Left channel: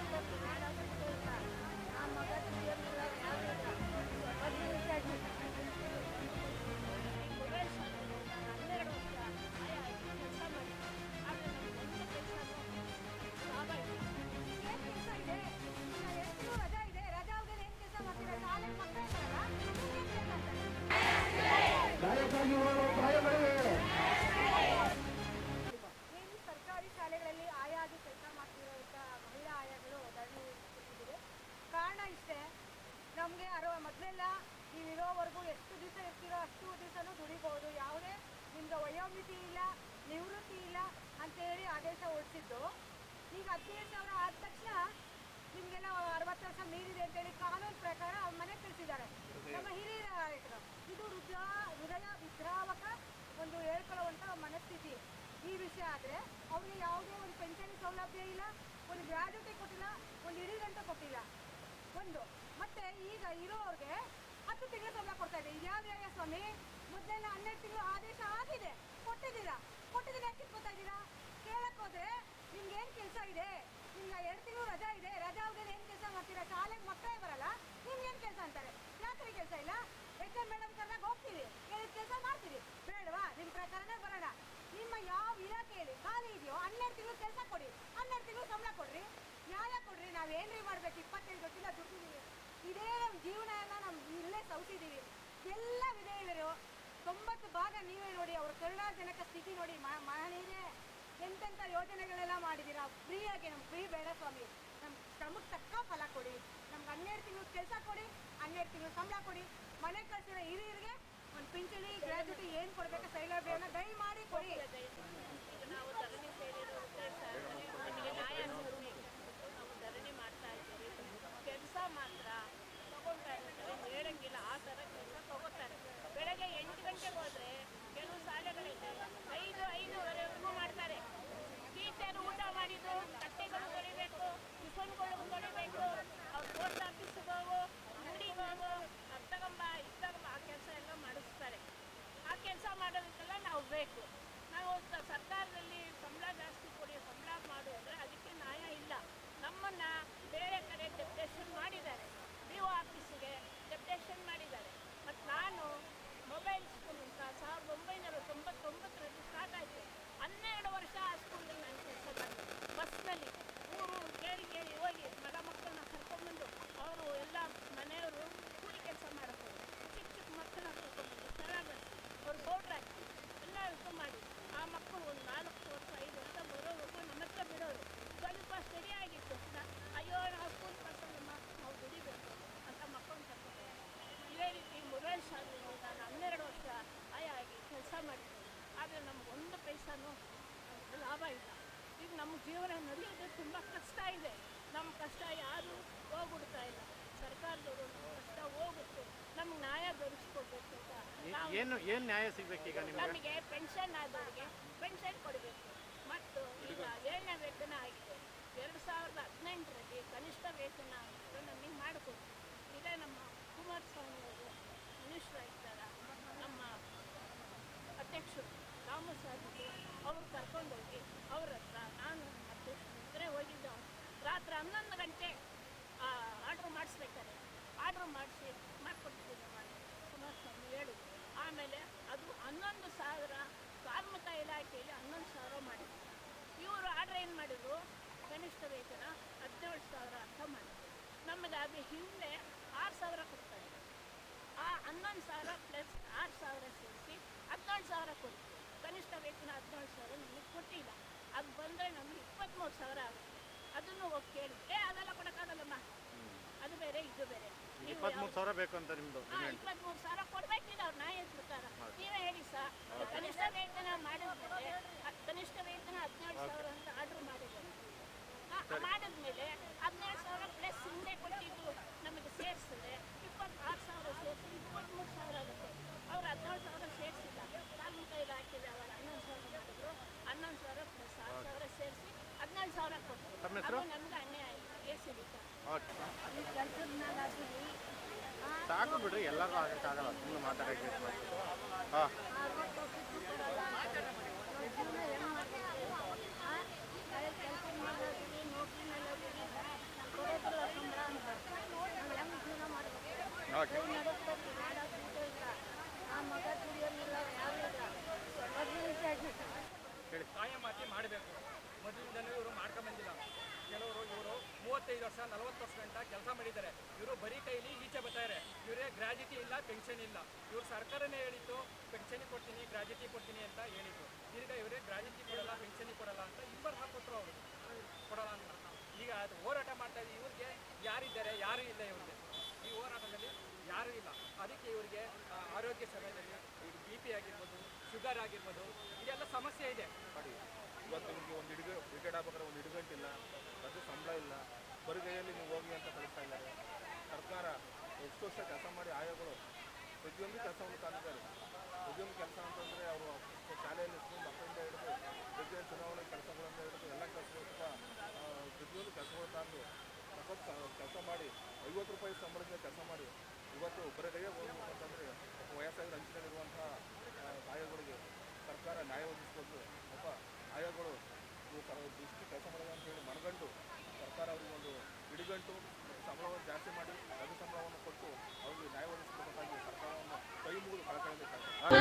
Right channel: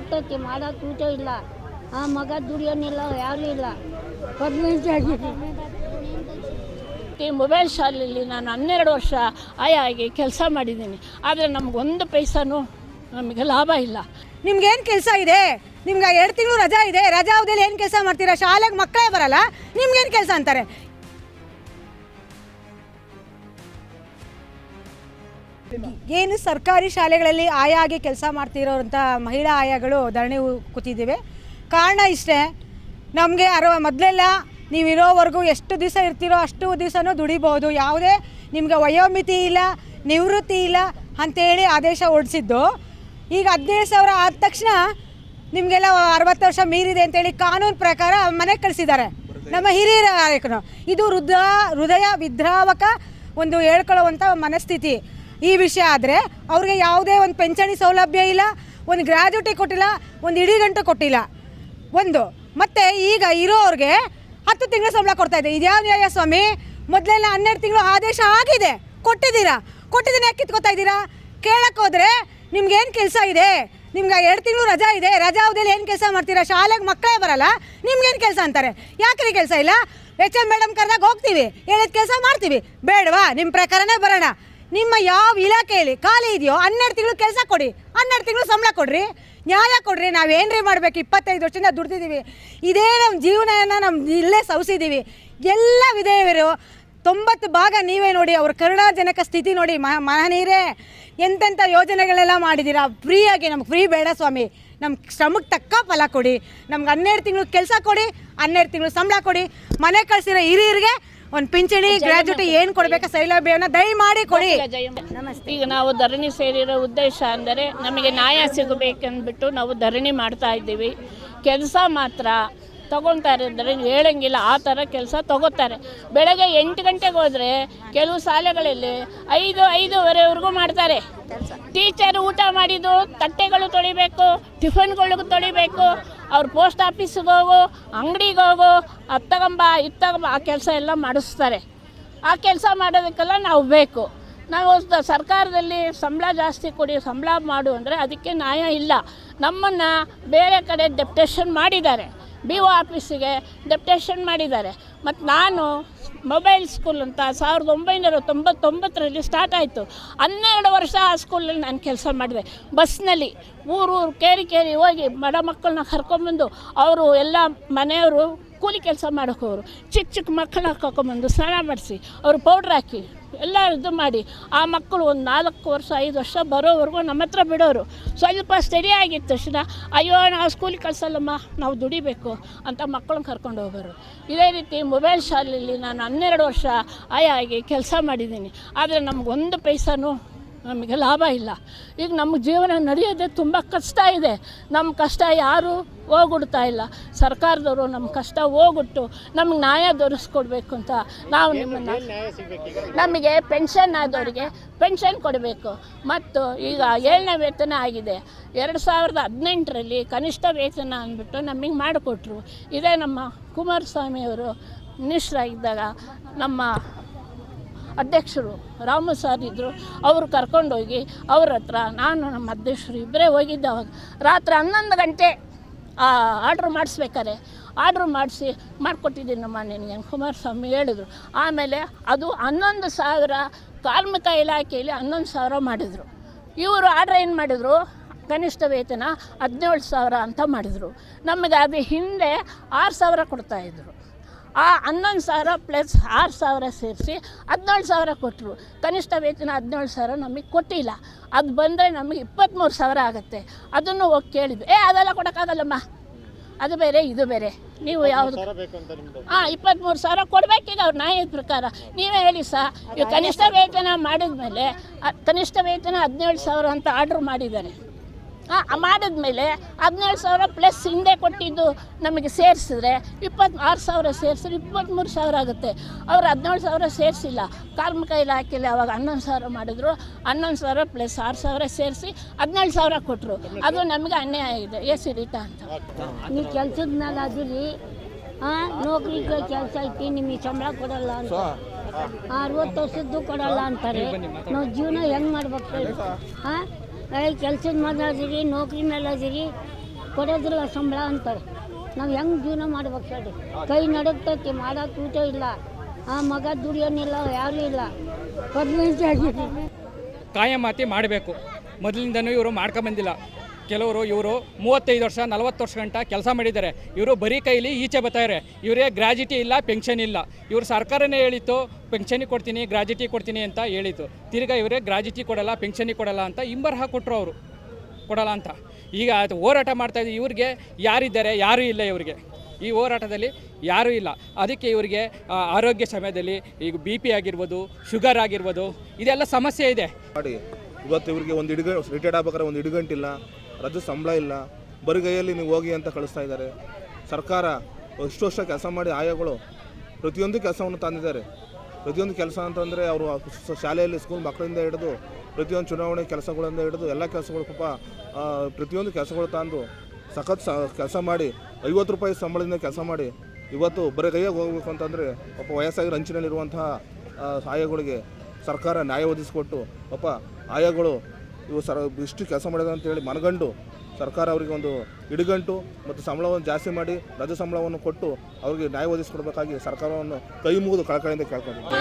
ಹೋಗ್ತೈತಿ, ಮಾಡೋಕೆ ಊಟ ಇಲ್ಲ, ಆ ಮಗ ದುಡಿಯೋನಿಲ್ಲ, ಯಾರೂ ಇಲ್ಲ, 15 ಆಗಿದೆ. ಈ ಮೊಬೈಲ್ ಶಾಲೆಯಲ್ಲಿ ನಾನು 12 ವರ್ಷ ಆಗಿ ಕೆಲಸ ಮಾಡಿದ್ದೀನಿ. ಆದರೆ ನಮಗೊಂದು ಪೈಸಾನು ನಮಗೆ ಲಾಭ ಇಲ್ಲ. ನಿಮ್ಗೇನು ಕೆಲಸ ಇದೆ? ನಿಮ್ಗೆ 2 ತಿಂಗಳು ರಜಾ ಇದೆ, ರಜಾ ಅವಧಿಯಲ್ಲಿ ಏನು ಕೆಲಸ ಮಾಡ್ತೀರಾ? ಶಾಲೆಗೆ ಮಕ್ಕಳೇ ಬರಲ್ಲ, ನಿಮ್ಗೇನು ಕೆಲಸ ಅಂತಾರೆ? ಏನು ಸರ್ಕಾರಿ ಶಾಲೆಗಳಲ್ಲಿ ಆಯಾಗಿ ಕೆಲಸ ಮಾಡ್ತಿರೋಂಥ ಮಹಿಳಾ ಆಯಾಗಳು ಧರಣಿ ಕೂತಿದ್ದೀವಿ. ಕಾರಣ ಇಷ್ಟೇ, ನಮಗೆ ಮೊದಲೆಲ್ಲ ನೀವು ಇರೋವರೆಗೂ ಎಷ್ಟು ದಿವಸ ಇರ್ತೀರೋ ಅಷ್ಟು ದಿವಸನೂ ದುಡಿಬೋದು, ಯಾವುದೇ ನಿಮಗೆ ವಯೋಮಿತಿ ಇಲ್ಲ, ನಿವೃತ್ತಿ ಇಲ್ಲ ಅಂಥೇಳಿ ಆದೇಶ ಹೊರಡಿಸಿದ್ದು. ಈಗ 15,000 ಆದ ತಕ್ಷಣ ನಿಮಗೆಲ್ಲ 60 ವರ್ಷ ಮೀರಿದೆ ಅಂತೇಳಿ ಕಾನೂನು ಪ್ರಕಾರ ಮನೆಗೆ ಕಳಿಸಿದ್ದಾರೆ ನಮ್ಮ ಹಿರಿಯ ನಾಯಕರು. ಇದು ಹೃದಯ ವಿದ್ರಾವಕ ಒಂದು ಹೇಳ್ಕೊಳ್ಳುವಂಥ ಮನಸ್ಥಿತಿ. ಈ ವಿಷಯ ಆದರೆ ಅವ್ರಿಗೆ ಯಾವುದೇ ಒಂದು ಪಿಂಚಣಿ ಸೌಲಭ್ಯ ಇಲ್ಲ, ಒಂದು ಗ್ರ್ಯಾಜುಟಿ ಕೊಟ್ಟಿಲ್ಲ, ಒಂದು ಇಡೀ ಗಂಟು ಕೊಟ್ಟಿಲ್ಲ ಒಂದು. ಮತ್ತು ಈಗ ಇರೋರಿಗೆ 10 ತಿಂಗಳು ಸಂಬಳ ಕೊಡ್ತಾಯಿದೆ. ಇದ್ಯಾವ ನ್ಯಾಯ ಸ್ವಾಮಿ? ಮೊದಲೆಲ್ಲ 12 ತಿಂಗಳು ಆದೇಶ ಆಗಿದೆ, ಕೊಟ್ಟಿದ್ದೀರಾ, ಕೊಟ್ಟಿದ್ದೀನಿ ಯಾಕೆ ಕಿತ್ಕೋತಾ ಇದ್ದೀರಾ? ಕೇಳಕ್ಕೆ ಹೋದರೆ ನಿಮ್ಗೇನು ಕೆಲಸ ಇದೆ? ನಿಮ್ಗೆ 2 ತಿಂಗಳು ರಜಾ ಇದೆ, ರಜಾ ಅವಧಿಯಲ್ಲಿ ಏನು ಕೆಲಸ ಮಾಡ್ತೀರಾ? ಶಾಲೆಗೆ ಮಕ್ಕಳೇ ಬರಲ್ಲ, ನಿಮ್ಗೇನು ಕೆಲಸ ಅಂತಾರೆ? ಯಾಕ್ರಿ ಕೆಲಸ ಇಲ್ಲ? HR ಮೇಡಮ್ ಕರೆದಾಗ ಹೋಗ್ತೀವಿ, ಹೇಳಿದ ಕೆಲಸ ಮಾಡ್ತೀವಿ, ಬೇಡವಾ? ನಿಮ್ಮ ಪ್ರಕಾರನೇ ಬರೋಣ. ನಿಮ್ಮ ಯಾವ ಇಲಾಖೆಯಲ್ಲಿ ಖಾಲಿ ಇದೆಯೋ 12 ತಿಂಗಳು ಕೆಲಸ ಕೊಡಿ, 12 ತಿಂಗಳು ಸಂಬಳ ಕೊಡ್ರಿ, ನ್ಯಾಯ ಕೊಡ್ರಿ. ನಾವೇನ್ರಿ ಮಾಡಬೇಕು? 25 ವರ್ಷದಿಂದ ದುಡ್ದಿದ್ದೀವಿ, ಇದೇ ನಮ್ಮ ಜೀವನನ ನಮ್ಮ ಇಲ್ಲೇ ಸವಿಸಿದ್ದೀವಿ. ಎಲ್ಲ ವಿಧೇಯರು 90 ಭಾಗ ನೀವೇ ನೋಡಿ, ಅವ್ರ ಕರುಣಾಜನಕ ಸ್ಥಿತಿ ನೋಡಿ. ಮಹನೀಯರೇ, ಎಂತೆಂಥ ಯೋಜನೆಗಳೆಲ್ಲ ಮಾಡಿದ್ದೀರಾ. ಫ್ರೀಯಾಗಿ ನಮ್ಗೆ ಫ್ರೀ ಬೇಡ ಸ್ವಾಮಿ, ನಮ್ಮ ಶ್ರಮಕ್ಕೆ ತಕ್ಕ ಫಲ ಕೊಡಿ. ನಮ್ಗೆ 12 ತಿಂಗಳು ಕೆಲಸ ಕೊಡಿ, 12 ತಿಂಗಳು ಸಂಬಳ ಕೊಡಿ. ಮನೆ ಕಳಿಸಿರೋ ಹಿರಿಯರಿಗೆ ಒಂದು ಪಿಂಚಣಿ ಗ್ರ್ಯಾಜುಟಿ ಏನು ಕೊಡಬೇಕು ಸೌಲಭ್ಯವನ್ನು ದಯಮಾಡಿ ಕೊಡಿ. ನಮಸ್ತೆ. ಈಗ ನಾವು ಧರಣಿ ಸೇರಿರೋ ಉದ್ದೇಶ ಅಂದರೆ ನಮಗೆ ನ್ಯಾಯ ಸಿಗಬೇಕಂದ್ಬಿಟ್ಟು ನಾವು ಧರಣಿ ಮಾಡ್ತಾ ಇದ್ದೀವಿ. ಕೆಲಸ ಮಾತ್ರ ತೊಗೊತಾರೆ, ಧರಣಿ ಹೇಳಂಗಿಲ್ಲ, ಆ ಥರ ಕೆಲಸ ತೊಗೋತಾರೆ. ಬೆಳಗ್ಗೆ 8 ಗಂಟೆಗೆ ಹೋದರೆ ಕೆಲವು ಶಾಲೆಗಳಲ್ಲಿ 5-5:30ವರೆಗೂ ಮಾಡ್ತಾರೆ. ಟೀಚರ್ ಊಟ ಮಾಡಿದ್ದು ತಟ್ಟೆಗಳು ತೊಳಿಬೇಕು, ಟಿಫನ್ಗಳಿಗೂ ತೊಳಿಬೇಕು, ಅವ್ರು ಪೋಸ್ಟ್ ಆಫೀಸಿಗೆ ಹೋಗು, ಅಂಗಡಿಗೆ ಹೋಗು, ಅದು ತಗೊಂಬ ಇದು ತಗೊಂಬ, ಆ ಕೆಲಸ ಎಲ್ಲ ಮಾಡಿಸ್ತಾರೆ. ಆ ಕೆಲಸ ಮಾಡೋದಕ್ಕೆಲ್ಲ ನಾವು ಬೇಕು. ನಾವು ಸರ್ಕಾರದಲ್ಲಿ ಸಂಬಳ ಜಾಸ್ತಿ ಕೊಡಿ, ಸಂಬಳ ಮಾಡು ಅಂದರೆ ಅದಕ್ಕೆ ನ್ಯಾಯ ಇಲ್ಲ. ನಮ್ಮನ್ನು ಬೇರೆ ಕಡೆ ಡೆಪ್ಟೇಷನ್ ಮಾಡಿದ್ದಾರೆ, BO ಆಫೀಸಿಗೆ ಡೆಪ್ಟೇಷನ್ ಮಾಡಿದ್ದಾರೆ. ಮತ್ತು ನಾನು ಮೊಬೈಲ್ ಸ್ಕೂಲ್ ಅಂತ 1999ರಲ್ಲಿ ಸ್ಟಾರ್ಟ್ ಆಯಿತು. 12 ವರ್ಷ ಆ ಸ್ಕೂಲಲ್ಲಿ ನಾನು ಕೆಲಸ ಮಾಡಿದೆ. ಬಸ್ನಲ್ಲಿ ಊರು ಕೇರಿ ಹೋಗಿ ಬಡ ಮಕ್ಕಳನ್ನ ಕರ್ಕೊಂಬಂದು ಅವರು ಎಲ್ಲ ಮನೆಯವರು ಕೂಲಿ ಕೆಲಸ ಮಾಡೋಕೋರು ಚಿಕ್ಕ ಮಕ್ಕಳನ್ನ ಕರ್ಕೊಂಬಂದು ಸ್ನಾನ ಮಾಡಿಸಿ ಅವರು ಪೌಡ್ರ್ ಹಾಕಿ ಎಲ್ಲ ಇದು ಮಾಡಿ ಆ ಮಕ್ಕಳು ಒಂದು 4 ವರ್ಷ 5 ವರ್ಷ ಬರೋವರೆಗೂ ನಮ್ಮ ಹತ್ರ ಬಿಡೋರು. ಸ್ವಲ್ಪ ಸ್ಟಡಿ ಆಗಿದ್ದ ತಕ್ಷಣ ಅಯ್ಯೋ ನಾವು ಸ್ಕೂಲಿಗೆ ಕಳ್ಸಲ್ಲಮ್ಮ, ನಾವು ದುಡಿಬೇಕು ಅಂತ ಮಕ್ಕಳನ್ನ ಕರ್ಕೊಂಡು ಹೋಗೋರು. ಇದೇ ರೀತಿ ಮೊಬೈಲ್ ಶಾಲೆಯಲ್ಲಿ ನಾನು 12 ವರ್ಷ ಆಗಿ ಕೆಲಸ ಮಾಡಿದ್ದೀನಿ. ಆದರೆ ನಮಗೊಂದು ಪೈಸಾನು ನಮಗೆ ಲಾಭ ಇಲ್ಲ. ಈಗ ನಮ್ಮ ಜೀವನ ನಡೆಯೋದೇ ತುಂಬ ಕಷ್ಟ ಇದೆ. ನಮ್ಮ ಕಷ್ಟ ಯಾರೂ ಹೋಗ್ಬಿಡ್ತಾ ಇಲ್ಲ. ಸರ್ಕಾರದವರು ನಮ್ಮ ಕಷ್ಟ ಹೋಗ್ಬಿಟ್ಟು ನಮ್ಗೆ ನ್ಯಾಯ ದೊರಕಿಸ್ಕೊಡ್ಬೇಕು ಅಂತ ನಾವು ನಮಗೆ ಪೆನ್ಷನ್ ಆದವರಿಗೆ ಪೆನ್ಷನ್ ಕೊಡಬೇಕು. ಮತ್ತು ಈಗ 7ನೇ ವೇತನ ಆಗಿದೆ. 2018ರಲ್ಲಿ ಕನಿಷ್ಠ ವೇತನ ಅಂದ್ಬಿಟ್ಟು ನಮಗೆ ಮಾಡಿಕೊಟ್ರು. ಇದೇ ನಮ್ಮ ಕುಮಾರಸ್ವಾಮಿಯವರು ಮಿನಿಸ್ಟ್ರಾಗಿದ್ದಾಗ ನಮ್ಮ ಅಧ್ಯಕ್ಷರು ರಾಮು ಸಾರ್ ಇದ್ದರು, ಅವರು ಕರ್ಕೊಂಡೋಗಿ ಅವ್ರ ಹತ್ರ ನಾನು ನಮ್ಮ ಅಧ್ಯಕ್ಷರು ಇಬ್ಬರೇ ಹೋಗಿದ್ದೆ. ಅವಾಗ ರಾತ್ರಿ 11 ಗಂಟೆ ಆರ್ಡ್ರ್ ಮಾಡಿಸ್ಬೇಕಾರೆ ಆರ್ಡ್ರ್ ಮಾಡಿಕೊಟ್ಟಿದ್ದೀನಮ್ಮ ನಿನಗೆ ಕುಮಾರಸ್ವಾಮಿ ಹೇಳಿದ್ರು. ಆಮೇಲೆ ಅದು 11,000 ಕಾರ್ಮಿಕ ಇಲಾಖೆಯಲ್ಲಿ 11,000 ಮಾಡಿದರು. ಇವರು ಆರ್ಡ್ರ್ ಏನು ಮಾಡಿದರು, ಕನಿಷ್ಠ ವೇತನ 17,000 ಅಂತ ಮಾಡಿದರು. ನಮಗೆ ಅದು ಹಿಂದೆ 6,000 ಕೊಡ್ತಾಯಿದ್ರು. ಆ 11,000 ಪ್ಲಸ್ 6,000 ಸೇರಿಸಿ 17,000 ಕೊಟ್ಟರು. ಕನಿಷ್ಠ ವೇತನ 17,000 ನಮಗೆ ಕೊಟ್ಟಿಲ್ಲ. ಅದು ಬಂದರೆ ನಮಗೆ 23,000 ಆಗುತ್ತೆ. ಅದನ್ನು ಹೋಗಿ ಕೇಳಿದ್ವಿ, ಅದೆಲ್ಲ ಕೊಡೋಕ್ಕಾಗಲ್ಲಮ್ಮ, ಅದು ಬೇರೆ ಇದು ಬೇರೆ, ನೀವು ಯಾವುದು 23,000 ಕೊಡಬೇಕೀಗ ಅವ್ರ ನ್ಯಾಯದ ಪ್ರಕಾರ. ನೀವೇ ಹೇಳಿ ಈಗ ಕನಿಷ್ಠ ವೇತನ ಮಾಡಿದ ಮೇಲೆ ಕನಿಷ್ಠ ವೇತನ 17,000 ಅಂತ ಆರ್ಡ್ರ್ ಮಾಡಿದ್ದಾರೆ. ಮಾಡಿದ್ಮೇಲೆ 17,000 ಪ್ಲಸ್ ಹಿಂದೆ ಕೊಟ್ಟಿದ್ದು ನಮಗೆ ಸೇರಿಸಿದ್ರೆ 26,000 ಸೇರಿಸಿದ್ರೆ 23,000 ಆಗುತ್ತೆ. ಅವರು 17,000 ಸೇರಿಸಿಲ್ಲ. ಕಾರ್ಮಿಕ ಇಲಾಖೆಯಲ್ಲಿ ಅವಾಗ 11,000 ಮಾಡಿದ್ರು. 11,000 ಪ್ಲಸ್ 6,000 ಸೇರಿಸಿ 17,000 ಕೊಟ್ಟರು. ಅದು ನಮಗೆ ಅನ್ಯಾಯ ಆಗಿದೆ. ಎಸಿಡಿಟಾ ಅಂತ ನೀವು ಕೆಲ್ಸದ ಮೇಲೆ ಅದಿರಿ, ನೌಕರಿಗೆ ಕೆಲಸ ಐತಿ, ನಿಮಗೆ ಸಂಬಳ ಕೊಡಲ್ಲ ಅಂತ, 60 ವರ್ಷದ್ದು ಕೊಡಲ್ಲ ಅಂತಾರೆ. ನಾವು ಜೀವನ ಹೆಂಗೆ ಮಾಡ್ಬೇಕು? ಕೆಲಸದ ಮೇಲೆ ಅದೀರಿ, ನೌಕರಿ ಮೇಲೆ ಅದೀರಿ, ಕೊಡೋದಿಲ್ಲ ಸಂಬಳ ಅಂತಾರೆ. ನಾವು ಹೆಂಗೆ ಜೀವನ ಮಾಡ್ಬೇಕು ಹೇಳಿ? ಕೈ ನಡುಗ್ತೈತಿ, ಮಾಡೋಕೆ ಊಟ ಇಲ್ಲ, ಆ ಮಗ ದುಡಿಯೋನಿಲ್ಲ, ಯಾರೂ ಇಲ್ಲ, ಪರ್ಮನೆಂಟ್ ಆಗಿದೆ. ಕಾಯಮಾತಿ ಮಾಡಬೇಕು. ಮೊದಲಿಂದನೂ ಇವರು ಮಾಡ್ಕೊಂಬಂದಿಲ್ಲ. ಕೆಲವರು ಇವರು 35 ವರ್ಷ 40 ವರ್ಷ ಗಂಟ ಕೆಲಸ ಮಾಡಿದ್ದಾರೆ. ಇವರು ಬರೀ ಕೈಲಿ ಈಚೆ ಬರ್ತಾರೆ. ಇವರೇ ಗ್ರಾಜ್ಯುಟಿ ಇಲ್ಲ, ಪೆನ್ಷನ್ ಇಲ್ಲ. ಇವರು ಸರ್ಕಾರನೇ ಹೇಳಿತ್ತು ಪೆನ್ಷನಿಗೆ ಕೊಡ್ತೀನಿ, ಗ್ರಾಜ್ಯುಟಿ ಕೊಡ್ತೀನಿ ಅಂತ ಹೇಳಿತ್ತು. ತಿರ್ಗಾ ಇವರೇ ಗ್ರಾಜ್ಯುಟಿ ಕೊಡಲ್ಲ, ಪೆನ್ಷನಿಗೆ ಕೊಡಲ್ಲ ಅಂತ ಇಂಬರಹ ಕೊಟ್ಟರು. ಅವರು ಕೊಡಲ್ಲ ಅಂತ ಈಗ ಅದು ಹೋರಾಟ ಮಾಡ್ತಾಯಿದ್ದು. ಇವ್ರಿಗೆ ಯಾರಿದ್ದಾರೆ? ಯಾರೂ ಇಲ್ಲ. ಇವರಿಗೆ ಈ ಹೋರಾಟದಲ್ಲಿ ಯಾರೂ ಇಲ್ಲ. ಅದಕ್ಕೆ ಇವರಿಗೆ ಆರೋಗ್ಯ ಸಮಯದಲ್ಲಿ ಈಗ BP ಆಗಿರ್ಬೋದು, ಶುಗರ್ ಆಗಿರ್ಬೋದು, ಇದೆಲ್ಲ ಸಮಸ್ಯೆ ಇದೆ. ಮಾಡಿ ಇವತ್ತು ಇವರಿಗೆ ಒಂದು ರಿಟೈರ್ಡ್ ಆಗ್ಬೇಕಾದ್ರೆ ಒಂದು ಇಡುಗಂಟಿಲ್ಲ, ರಜೆ ಸಂಬಳ ಇಲ್ಲ, ಬರಿಗೈಯಲ್ಲಿ ನೀವು ಹೋಗಿ ಅಂತ ಕಳಿಸ್ತಾ ಇದ್ದಾರೆ. ಸರ್ಕಾರ ಇಷ್ಟು ವರ್ಷ ಕೆಲಸ ಮಾಡಿ ಆಯಾಗಳು ಪ್ರತಿಯೊಂದು ಕೆಲಸವನ್ನು ತಂದಿದ್ದಾರೆ. ಪ್ರತಿಯೊಂದು ಕೆಲಸ ಅಂತಂದರೆ ಅವರು ಶಾಲೆಯಲ್ಲಿ ಸ್ಕೂಲ್ ಮಕ್ಕಳಿಂದ ಹಿಡಿದು ಪ್ರತಿಯೊಂದು ಚುನಾವಣೆ ಕೆಲಸಗಳಿಂದ ಹಿಡಿದು ಎಲ್ಲ ಕೆಲಸಗಳು ಪಾಪ ಪ್ರತಿಯೊಂದು ಕೆಲಸಗಳು ತಂದು ಸಖತ್ ಕೆಲಸ ಮಾಡಿ 50 ರೂಪಾಯಿ ಸಂಬಳದಿಂದ ಕೆಲಸ ಮಾಡಿ ಇವತ್ತು ಬರಿಗೈಯಾಗಿ ಹೋಗ್ಬೇಕು ಅಂತಂದರೆ ಪಾಪ ವಯಸ್ಸಾಗಿ ರಂಚಿನಲ್ಲಿರುವಂತಹ ಆಯಾಗಳಿಗೆ ಸರ್ಕಾರ ನ್ಯಾಯ ಒದಗಿಸಿಕೊಟ್ಟು ಪಾಪ ಆಯಾಗಳು ಇವು ಇಷ್ಟು ಕೆಲಸ ಮಾಡಿದೆ ಅಂತೇಳಿ ಮನಗಂಡು ಸರ್ಕಾರ ಅವರಿಗೆ ಒಂದು ಇಡುಗಂಟು ಮತ್ತು ಸಂಬಳವನ್ನು ಜಾಸ್ತಿ ಮಾಡಿ ರಜೆ ಸಂಬಳವನ್ನು ಕೊಟ್ಟು ಅವರಿಗೆ ನ್ಯಾಯ ಒದಗಿಸಿಕೊಡ್ಬೇಕಾಗಿ ಸರ್ಕಾರವನ್ನು ಕೈ ಮುಗಿದು ಕಳಕಳಿಯಿಂದ ಕೇಳ್ಕೊಂಡಿದ್ದೀವಿ.